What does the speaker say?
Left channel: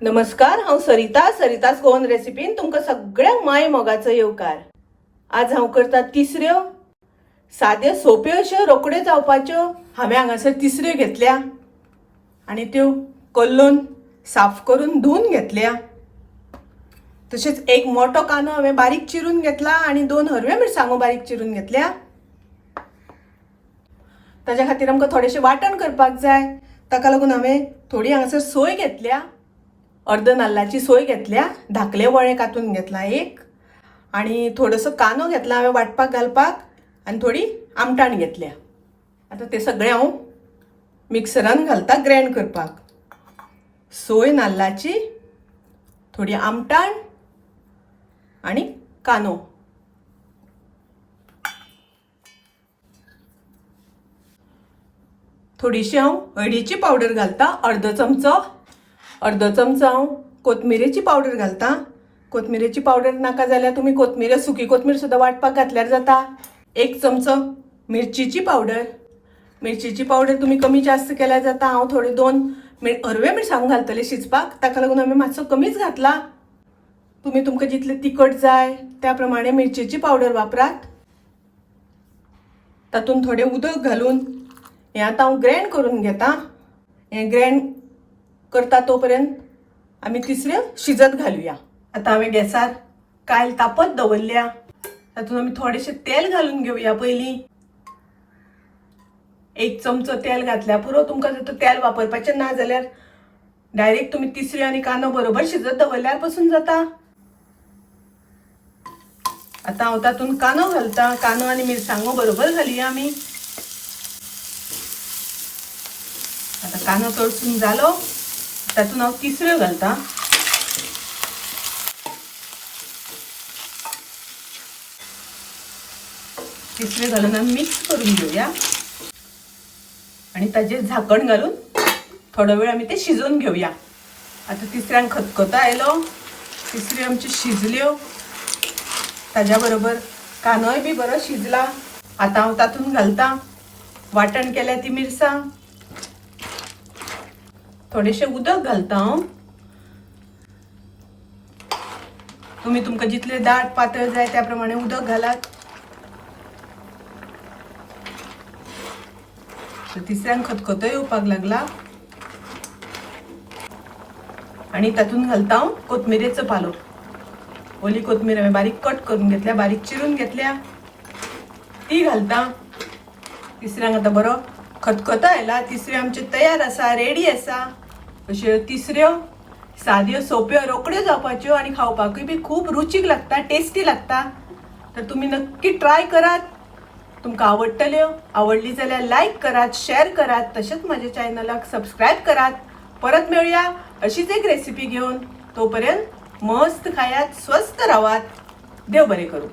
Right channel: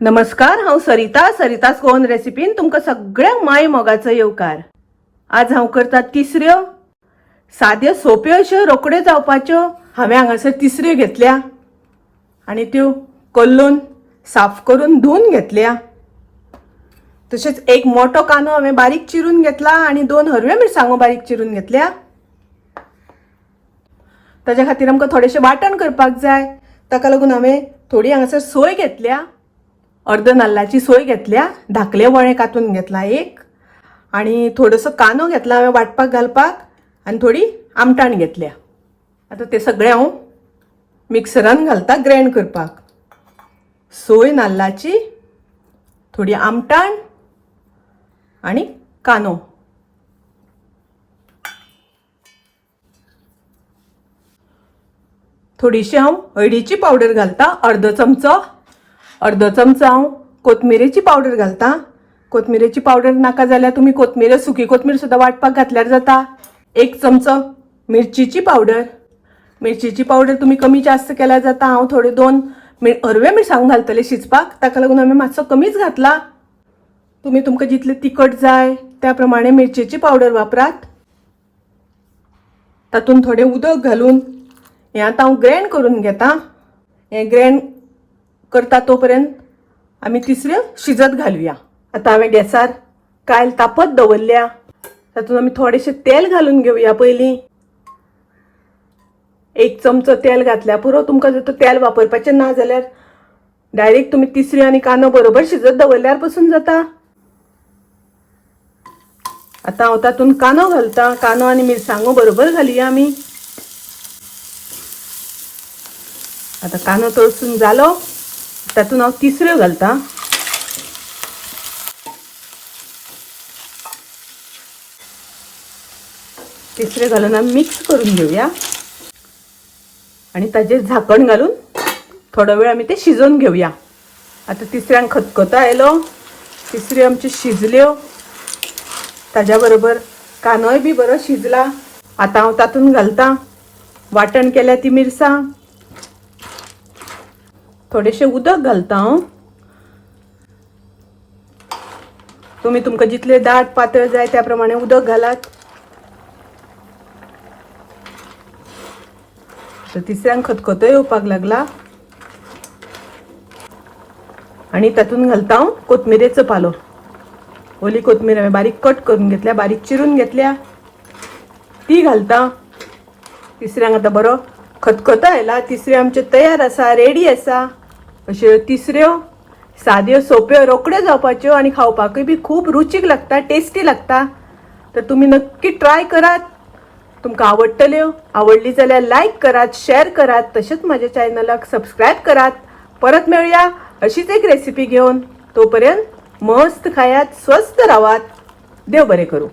नमस्कार, हांव सरितास गोवन रेसिपीन तुमकां सगळ्यांक माय मोगाचो येवकार। आज हांव करता तिसऱ्यो साद्यो सोप्यो अश्यो रोकड्यो जावपाच्यो। हांवें हांगासर तिसऱ्यो घेतल्या आनी त्यो कल्लून साफ करून धुवन घेतल्या। तशेंच एक मोठो कांदो हांवें बारीक चिरून घेतला आनी 2 हरव्यो मिरसांगो बारीक चिरून घेतल्या। ताच्या खातीर आमकां थोडेशें वांटण करपाक जाय, ताका लागून हांवें थोडी हांगासर सोय घेतल्या। अर्ध नाल्लाची सोय घेतल्या, धाकले वळे कातून घेतला एक, आणि थोडंसं कांदो घेतला हांवें वाटपाक घालपाक, आनी थोडी आमटाण घेतल्या। आता ते सगळे हांव मिक्सरान घालता ग्राइंड करपाक। सोय नाल्लाची, थोडी आमटाण आणि कांदो। थोडीशी हांव हळदीची पावडर घालता, अर्ध चमचो हांव कोथमिरेची पावडर घालता। कोथमिरेची पावडर नाका जाल्यार तुम्ही कोथमीर सुकी कोथमीर सुद्धा वाटपाक घातल्यार जाता। 1 चमचो मिरचीची पावडर तुम्ही कमी जास्त केल्यार जाता। हांव थोडे 2 हरवे मिरसांगो घालतले शिजपाक, ताका लागून हांवें मातसो कमीच घातला। तुम्ही तुमकां जितले तिखट जाय त्या प्रमाणे मिरचीची पावडर वापरात। तातूंत थोडे उदक घालून हे आता हांव ग्राइंड करून घेता। हे ग्राइंड करता तोपर्यंत आमी तिसऱ्यो शिजत घालुया। आता हांवें गॅसार कायल तापत दवरल्या, तातूंत आमी थोडेशें तेल घालून घेवया। पयलीं 1 चमचो तेल घातल्या पुरो। तुमकां जर तेल वापरपाचें ना जाल्यार डायरेक्ट तुम्ही तिसऱ्यो आनी कांदो बरोबर शिजत दवरल्यार पसून जाता। आता हांव तातूंत कांदो घालता, कांदो आनी मिरसांगो बरोबर घालुया आमी। आता कांदो तळसून जालो, तातूंत हांव तिसऱ्यो घालता। तिसऱ्यो घालून आमी मिक्स करून घेवया आणि ताजेर झाकण घालून थोडो वेळ आमी ते शिजोवन घेवया। आता तिसऱ्यांक खतखतो आयलो, तिसऱ्यो आमच्यो शिजल्यो, ताज्या बरोबर कांदोय बी बरो शिजला। आता हांव तातूंत घालता वाटण केल्या ती मिरसांग, थोडेशें उदक घालता हांव। तुम्ही तुमकां जितले दाट पातळ जाय त्या प्रमाणे उदक घालात। तिसऱ्यांक खतखतो येवपाक लागला आणि तातूंत घालता हांव कोथमिरेचो पालो। ओली कोथमीर हांवें बारीक कट करून घेतल्या, बारीक चिरून घेतल्या, ती घालता। तिसऱ्यांक आता बरो खतखतो आयला, तिसऱ्यो आमच्यो तयार आसा, रेडी आसा। अश्यो तिसऱ्यो साद्यो सोप्यो रोकड्यो जावपाच्यो आनी खावपाकूय बी खूब रुचीक लागता, टेस्टी लागता। तर तुम्ही नक्की ट्राय करात, तुमकां आवडटल्यो। आवडली जाल्यार लाईक करात, शेअर करात, तशेंच माझ्या चॅनलाक सबस्क्राईब करात। परत मेळुया अशीच एक रेसिपी घेऊन। तोपर्यंत मस्त खायात, स्वस्थ राहात, देव बरें करूं।